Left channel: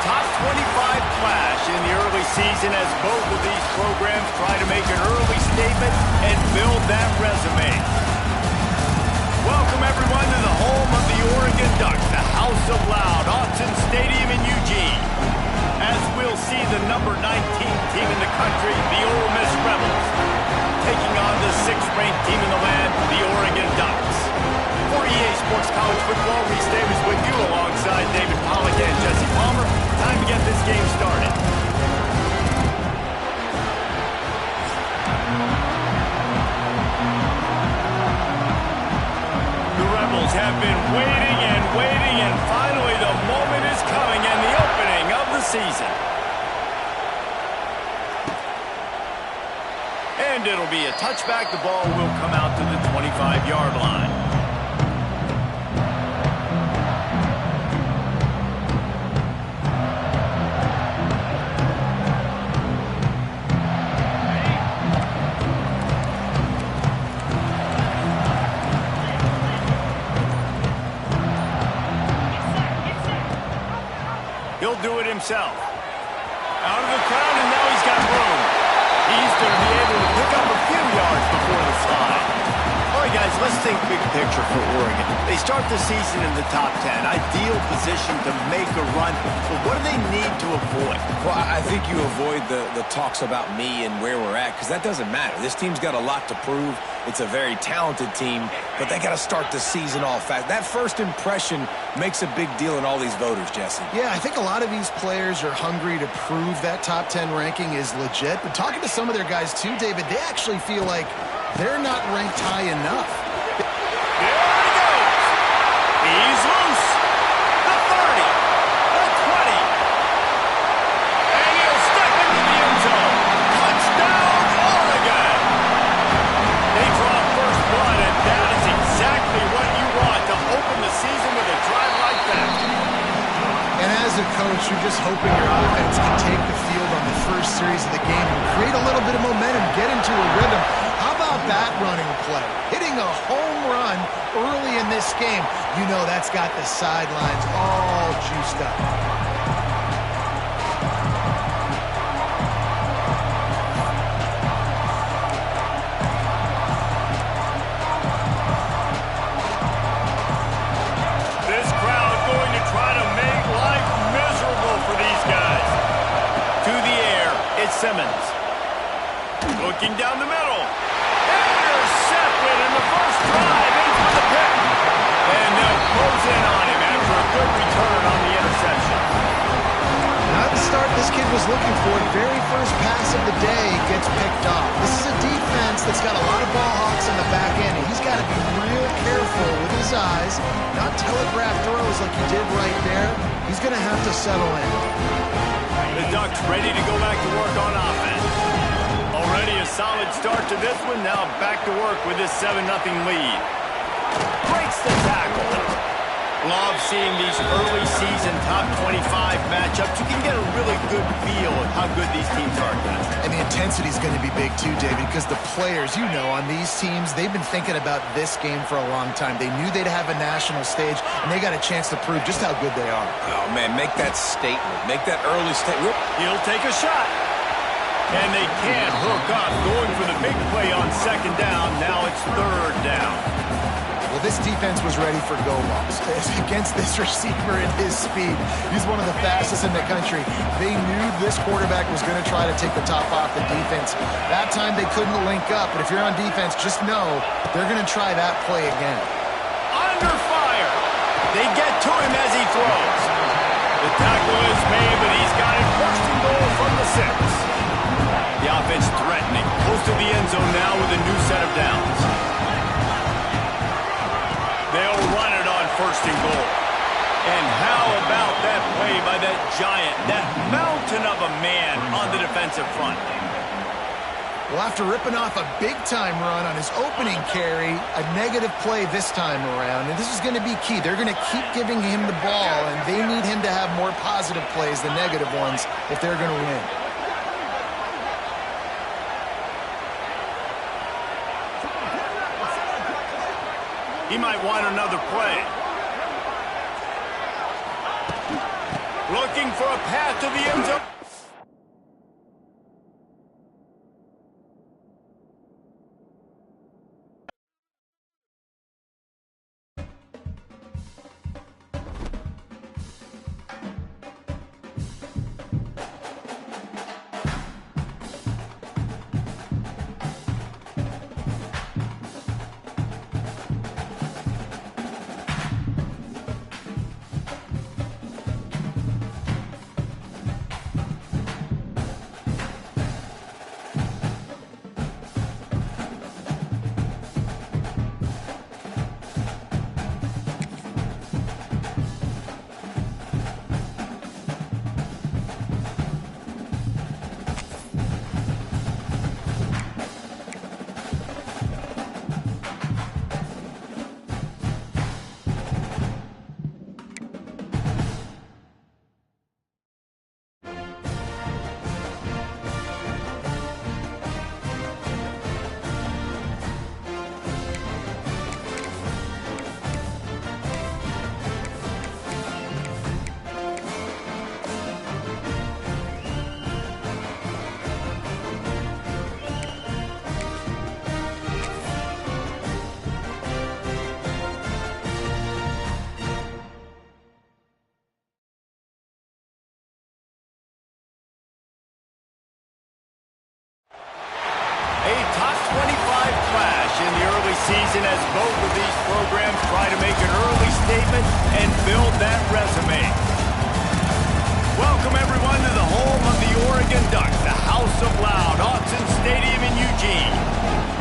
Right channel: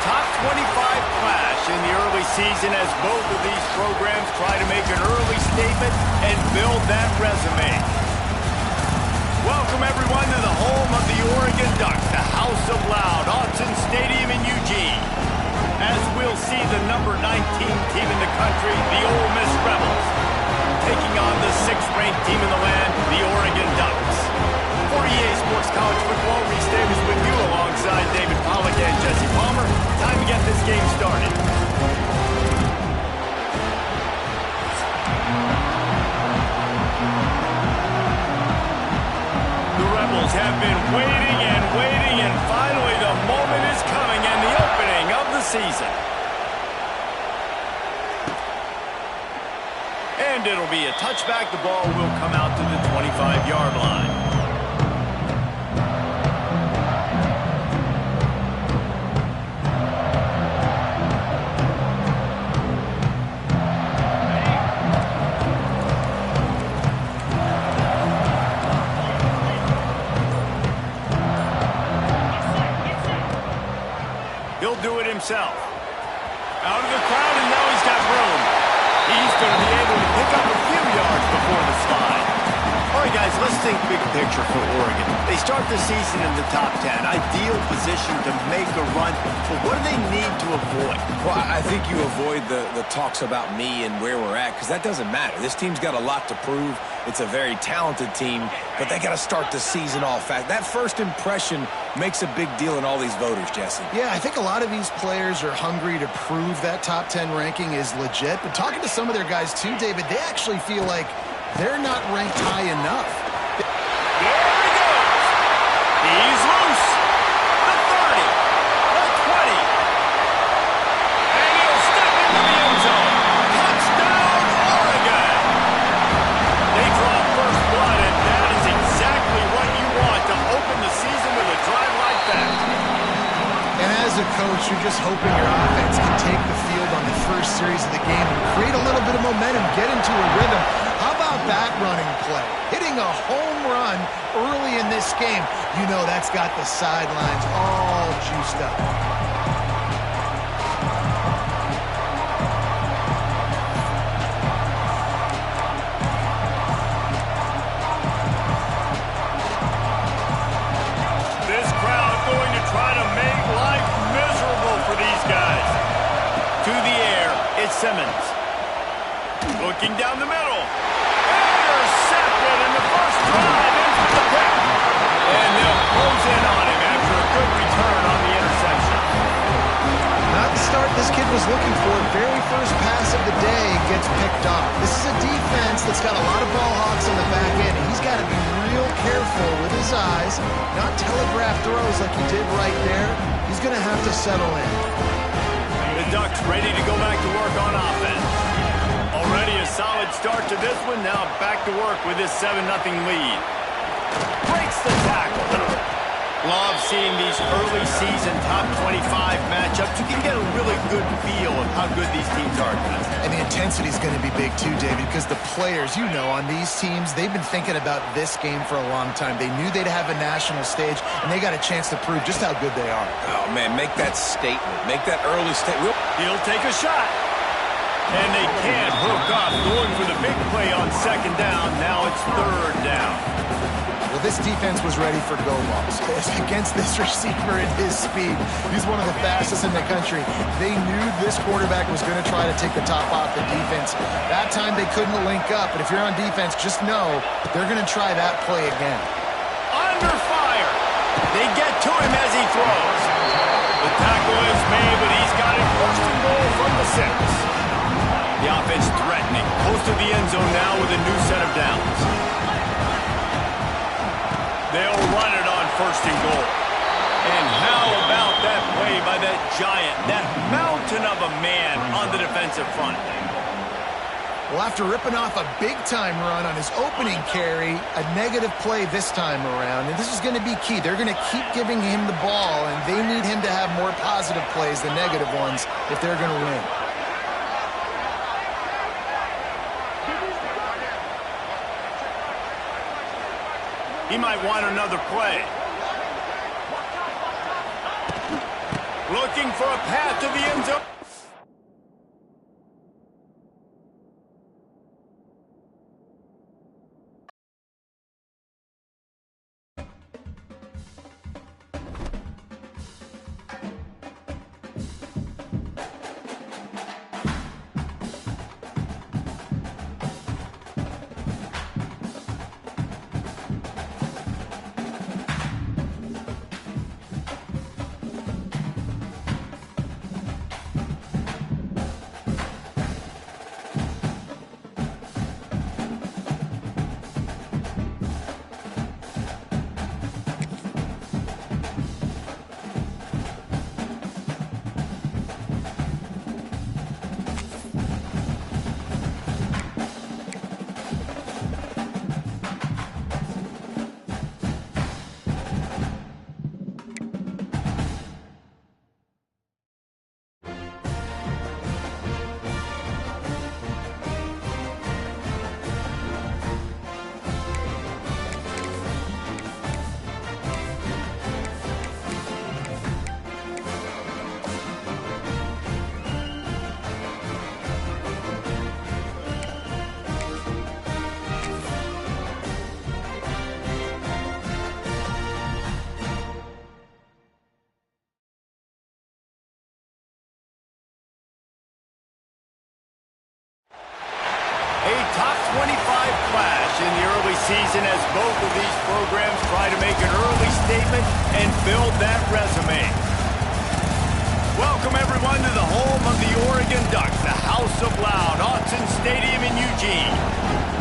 top 25 clash in the early season as both of these programs try to make an early statement and build that resume. Welcome, everyone, to the home of the Oregon Ducks, the House of Loud, Autzen Stadium in Eugene. As we'll see the number 19 team in the country, the Ole Miss Rebels, taking on the 6th-ranked team in the land, the Oregon Ducks. For EA Sports College Football, Reese Davis with you alongside David Pollack and Jesse Palmer. Time to get this game started. The Rebels have been waiting, and finally the moment is coming and the opening of the season. And it'll be a touchback. The ball will come out to the 25-yard line. He'll do it himself. Out of the crowd, and now he's got room. He's going to be able to pick up a few yards before the slide. All right, guys, let's think big picture for Oregon. They start the season in the top 10. Ideal position to make a run. But what do they need to avoid? Well, I think you avoid the talks about me and where we're at, because that doesn't matter. This team's got a lot to prove. It's a very talented team, but they got to start the season off fast. That first impression makes a big deal in all these voters, Jesse. Yeah, I think a lot of these players are hungry to prove that top 10 ranking is legit. But talking to some of their guys, too, David, they actually feel like they're not ranked high enough. There he goes. He's loose. The 30. The 20. And he'll step into the end zone. Touchdown, Oregon. They draw first blood, and that is exactly what you want to open the season with a drive like that. And as a coach, you're just hoping your offense can take the field on the first series of the game and create a little bit of momentum, get into a rhythm. How about that running play? Hitting a home run early in this game. You know that's got the sidelines all juiced up. This crowd going to try to make life miserable for these guys. To the air, it's Simmons. Looking down the middle. Intercepted in the first drive, in for the pick. And they'll close in on him after a good return on the interception. Not the start this kid was looking for. Very first pass of the day gets picked off. This is a defense that's got a lot of ball hawks on the back end, and he's got to be real careful with his eyes, not telegraph throws like he did right there. He's going to have to settle in. The Ducks ready to go back to work on offense. Already a solid start to this one. Now back to work with this 7-0 lead. Breaks the tackle. Love seeing these early season top 25 matchups. You can get a really good feel of how good these teams are, guys. And the intensity is going to be big too, David, because the players, you know, on these teams, they've been thinking about this game for a long time. They knew they'd have a national stage, and they got a chance to prove just how good they are. Oh, man, make that statement. Make that early statement. He'll take a shot. And they can't hook up, going for the big play on second down. Now it's third down. Well, this defense was ready for go balls. Against this receiver and his speed, he's one of the fastest in the country. They knew this quarterback was going to try to take the top off the defense. That time they couldn't link up, but if you're on defense, just know they're going to try that play again. Under fire. They get to him as he throws. The tackle is made, but he's got it first and goal from the 6. The offense threatening. Close to the end zone now with a new set of downs. They'll run it on first and goal. And how about that play by that giant, that mountain of a man on the defensive front? Well, after ripping off a big-time run on his opening carry, a negative play this time around, and this is going to be key. They're going to keep giving him the ball, and they need him to have more positive plays than negative ones if they're going to win. He might want another play. Looking for a path to the end zone. A top 25 clash in the early season as both of these programs try to make an early statement and build that resume. Welcome, everyone, to the home of the Oregon Ducks, the House of Loud, Autzen Stadium in Eugene,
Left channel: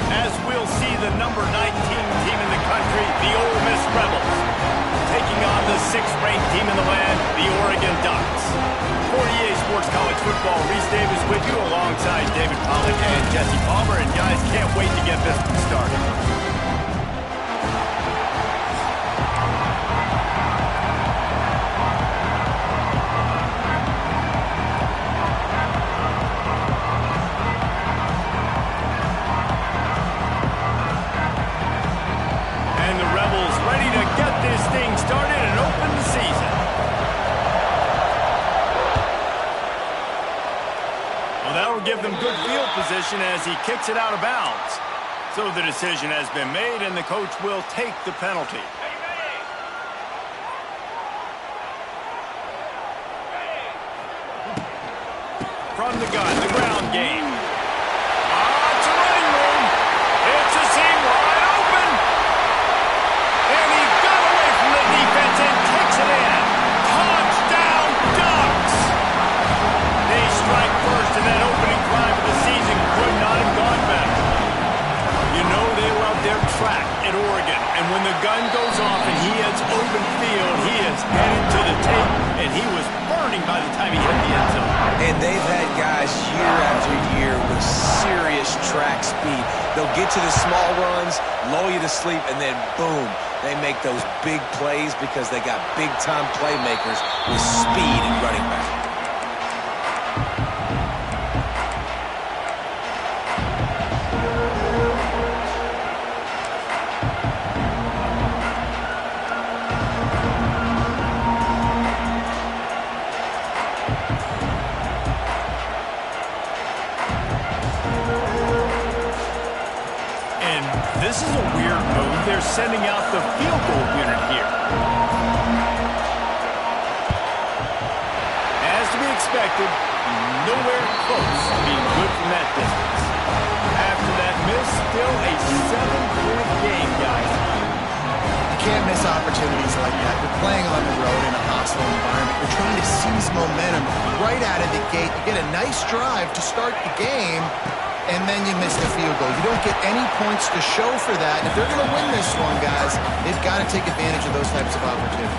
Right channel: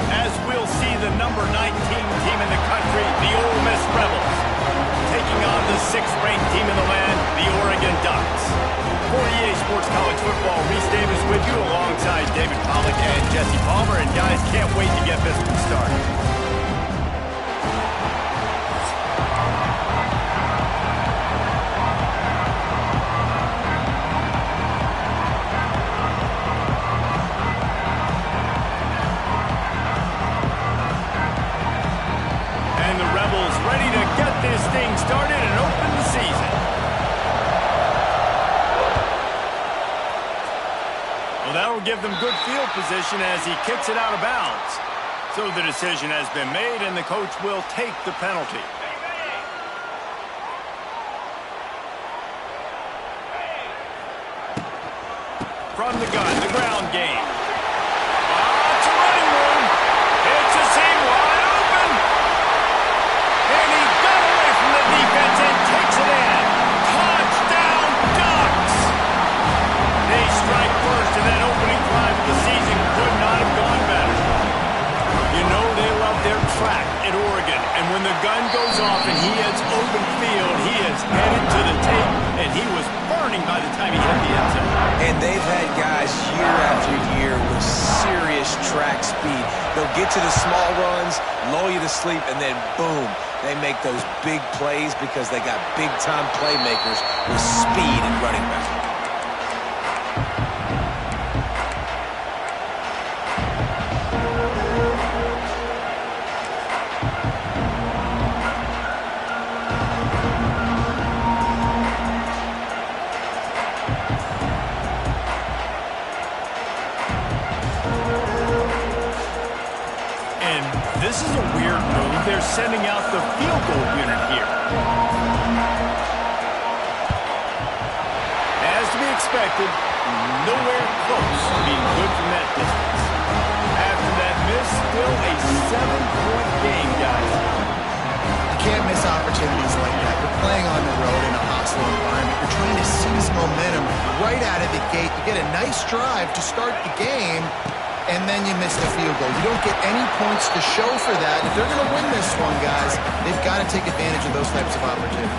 as we'll see the number 19 team in the country, the Ole Miss Rebels, taking on the 6th-ranked team in the land, the Oregon Ducks. For EA Sports College Football, Reese Davis with you alongside David Pollack and Jesse Palmer. And guys, can't wait to get this one started. And the Rebels ready to get this thing started and open the season. Well, that will give them good field position as he kicks it out of bounds. So the decision has been made, and the coach will take the penalty. From the gun, the ground game. It's a running room. It's a seam wide open. And he got away from the defense and takes it in. Touchdown, Ducks! They strike first, and that opening drive of the season could not have gone better. You know they love their track at Oregon, and when the gun goes off and he hits open field, he is headed to the tape, and he was burning by the time he hit the end zone. And they've had guys year after year with serious track speed. They'll get to the small runs, lull you to sleep, and then boom, they make those big plays because they got big-time playmakers with speed and running back. This is a weird move. They're sending out the field goal unit here. As to be expected, nowhere close to being good from that distance. After that miss, still a 7-point game, guys. You can't miss opportunities like that. You're playing on the road in a hostile environment. You're trying to seize momentum right out of the gate. You get a nice drive to start the game, and then you miss the field goal. You don't get any points to show for that. If they're going to win this one, guys, they've got to take advantage of those types of opportunities.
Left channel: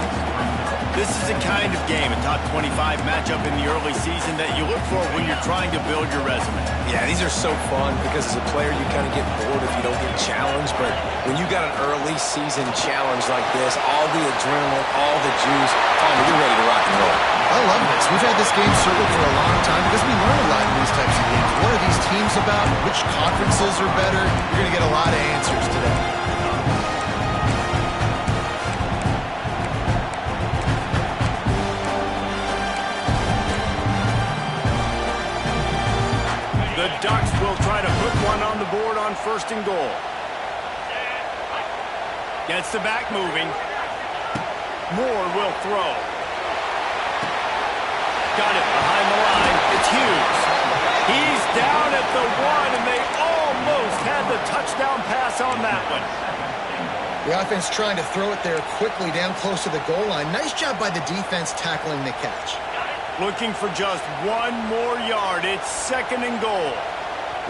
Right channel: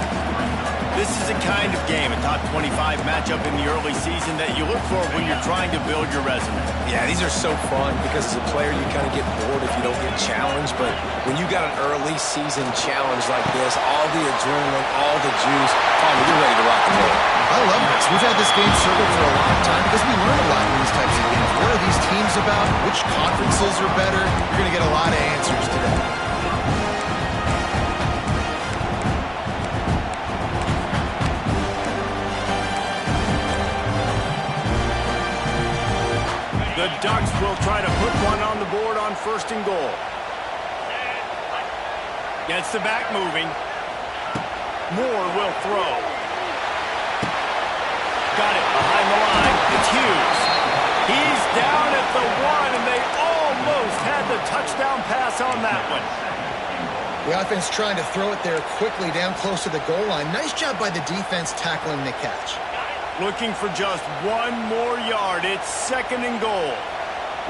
This is a kind of game, a top 25 matchup in the early season that you look for when you're trying to build your resume. Yeah, these are so fun because as a player you kind of get bored if you don't get challenged, but when you got an early season challenge like this, all the adrenaline, all the juice, Palmer, you're ready to rock and roll. I love this. We've had this game circled for a long time because we learn a lot in these types of games. What are these teams about? Which conferences are better? You're going to get a lot of answers today. The Ducks will try to put one on the board on 1st and goal. Gets the back moving. Moore will throw. Got it behind the line. It's Hughes. He's down at the 1, and they almost had the touchdown pass on that one. The offense trying to throw it there quickly down close to the goal line. Nice job by the defense tackling the catch. Looking for just 1 more yard. It's 2nd and goal.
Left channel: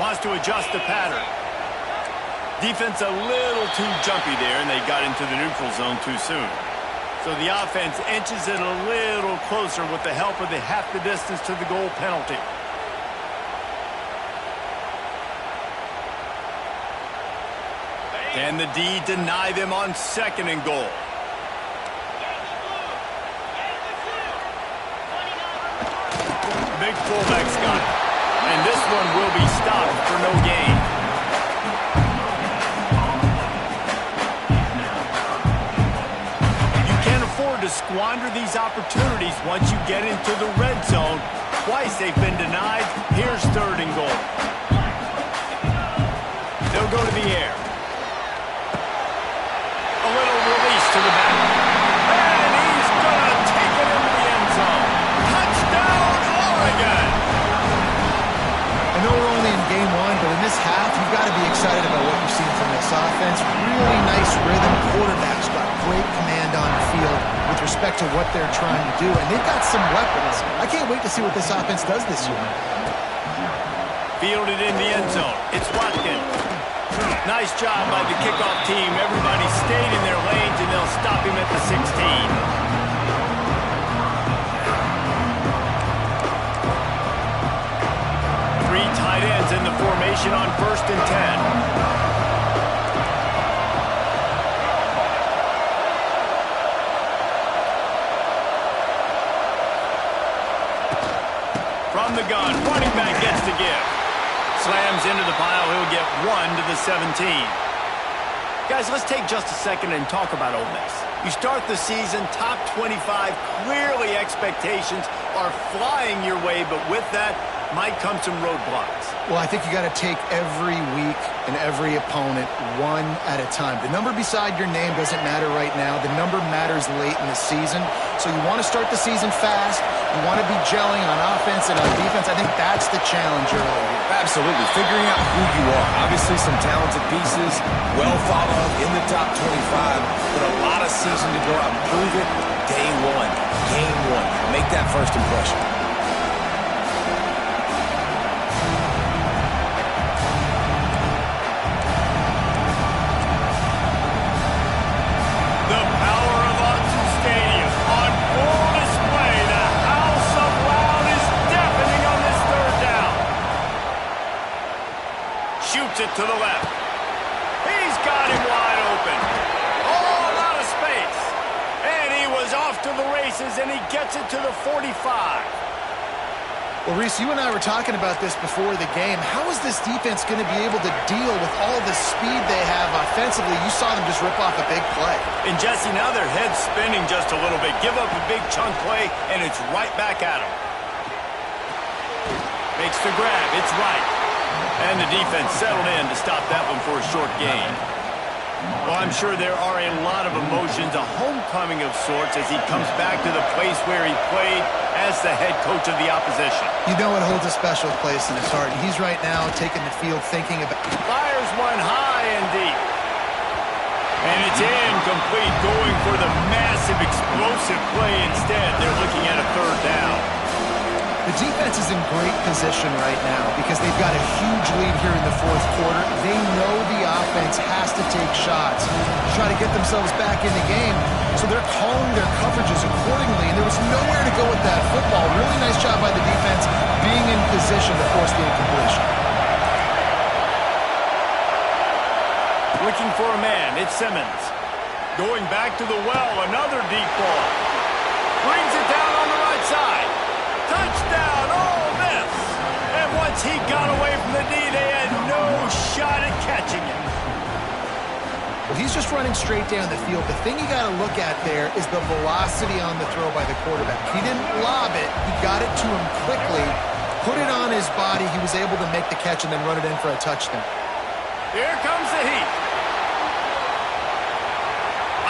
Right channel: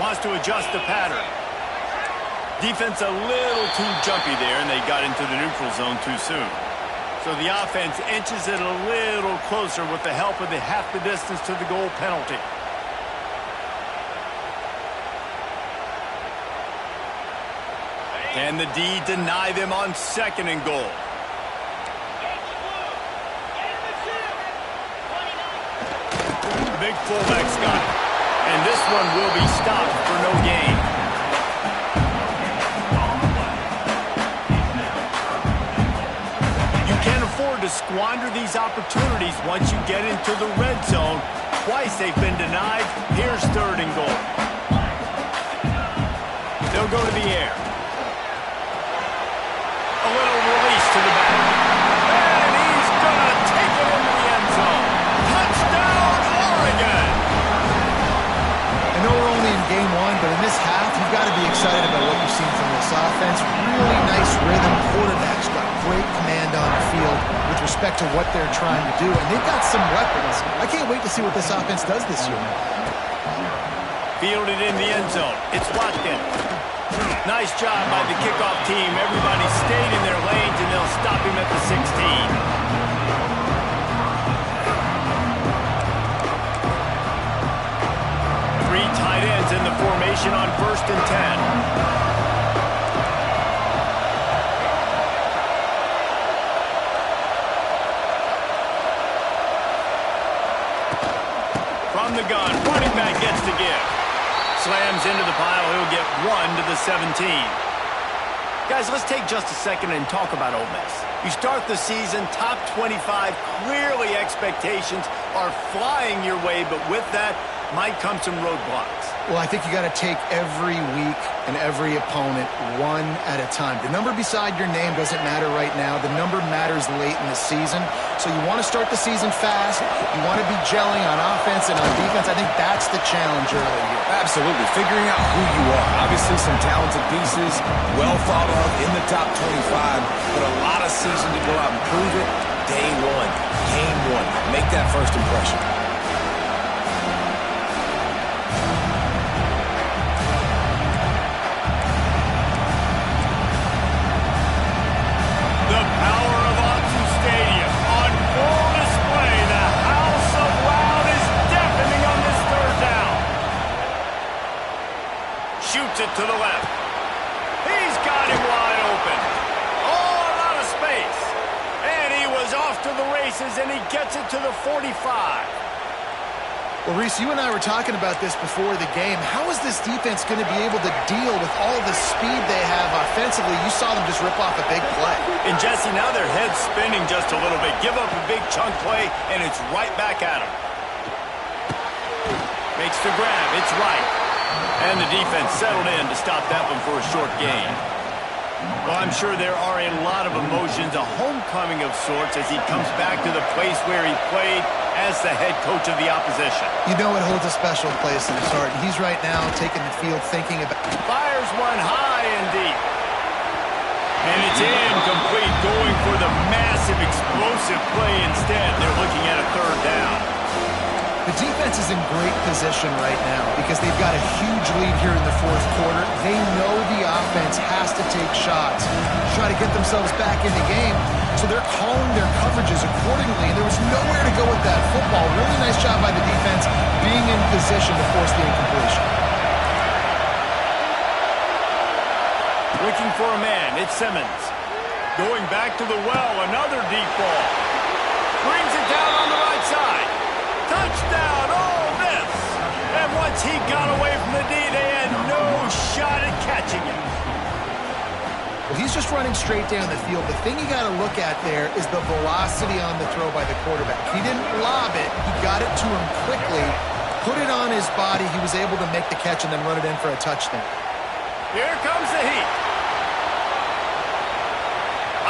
Wants to adjust the pattern. Defense a little too jumpy there, and they got into the neutral zone too soon. So the offense inches it a little closer with the help of the half the distance to the goal penalty. And the D deny them on 2nd and goal. Big fullback's got it. And this one will be stopped for no gain. You can't afford to squander these opportunities once you get into the red zone. Twice they've been denied. Here's 3rd and goal. They'll go to the air. A little release to the back. And he's going to take it into the end zone. Touchdown, Oregon! I know we're only in game 1, but in this half, you've got to be excited about what you've seen from this offense. Really nice rhythm. Quarterback's got great command on the field with respect to what they're trying to do, and they've got some weapons. I can't wait to see what this offense does this year. Fielded in the end zone. It's Watkins. Nice job by the kickoff team. Everybody stayed in their lanes, and they'll stop him at the 16. 3 tight ends in the formation on 1st and 10. From the gun, running back gets to give. Slams into the pile. He'll get 1 to the 17. Guys, let's take just a second and talk about Ole Miss. You start the season top 25. Clearly expectations are flying your way, but with that might come some roadblocks. Well, I think you got to take every week and every opponent one at a time. The number beside your name doesn't matter right now. The number matters late in the season. So you want to start the season fast. You want to be gelling on offense and on defense. I think that's the challenge early here. Absolutely. Figuring out who you are. Obviously some talented pieces, well thought of in the top 25, but a lot of season to go out and prove it. Day 1, game 1. Make that first impression. The power of Autzen Stadium on full display. The House of Loud is deafening on this 3rd down. Shoots it to the left. He's got him wide open. Oh, a lot of space. And he was off to the races, and he gets it to the 45. Well, Reese, you and I were talking about this before the game. How is this defense going to be able to deal with all the speed they have offensively? You saw them just rip off a big play. And, Jesse, now their head's spinning just a little bit. Give up a big chunk play, and it's right back at them. Makes the grab. It's right. And the defense settled in to stop that one for a short gain. Well, I'm sure there are a lot of emotions, a homecoming of sorts as he comes back to the place where he played as the head coach of the opposition. You know it holds a special place in his heart. He's right now taking the field thinking about... Fires one high and deep. And it's incomplete, going for the massive explosive play instead. They're looking at a 3rd down. The defense is in great position right now because they've got a huge lead here in the 4th quarter. They know the offense has to take shots to try to get themselves back in the game. So they're calling their coverages accordingly, and there was nowhere to go with that football. Really nice job by the defense being in position to force the incompletion. Looking for a man. It's Simmons. Going back to the well. Another deep ball. Brings it down on the right side. Touchdown, Ole Miss! And once he got away from the D, they had no shot at catching him. Well, he's just running straight down the field. The thing you got to look at there is the velocity on the throw by the quarterback. He didn't lob it. He got it to him quickly, put it on his body. He was able to make the catch and then run it in for a touchdown. Here comes the heat.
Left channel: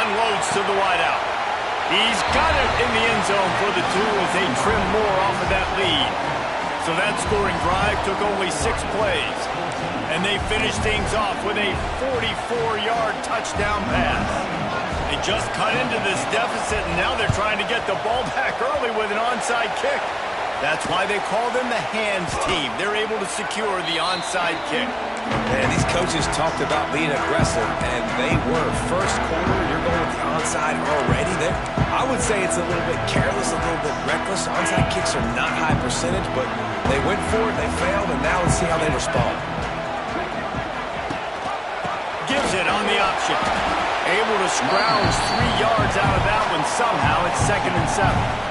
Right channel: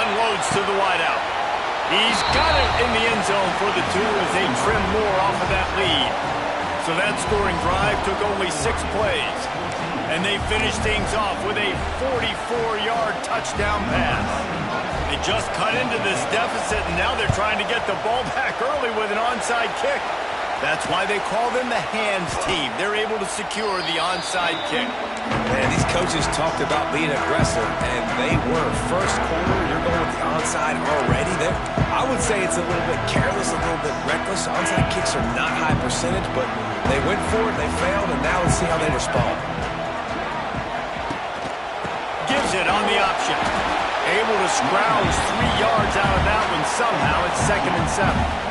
Unloads to the wideout. He's got it in the end zone for the 2 as they trim more off of that lead. So that scoring drive took only 6 plays. And they finished things off with a 44-yard touchdown pass. They just cut into this deficit, and now they're trying to get the ball back early with an onside kick. That's why they call them the hands team. They're able to secure the onside kick. Man, these coaches talked about being aggressive, and they were. First quarter, you're going with the onside already there. I would say it's a little bit careless, a little bit reckless. Onside kicks are not high percentage, but they went for it, they failed, and now let's see how they respond. Gives it on the option. Able to scrounge 3 yards out of that one somehow. It's 2nd and 7.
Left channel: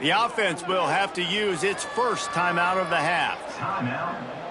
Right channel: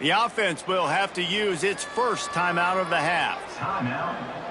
The offense will have to use its first timeout of the half. Timeout.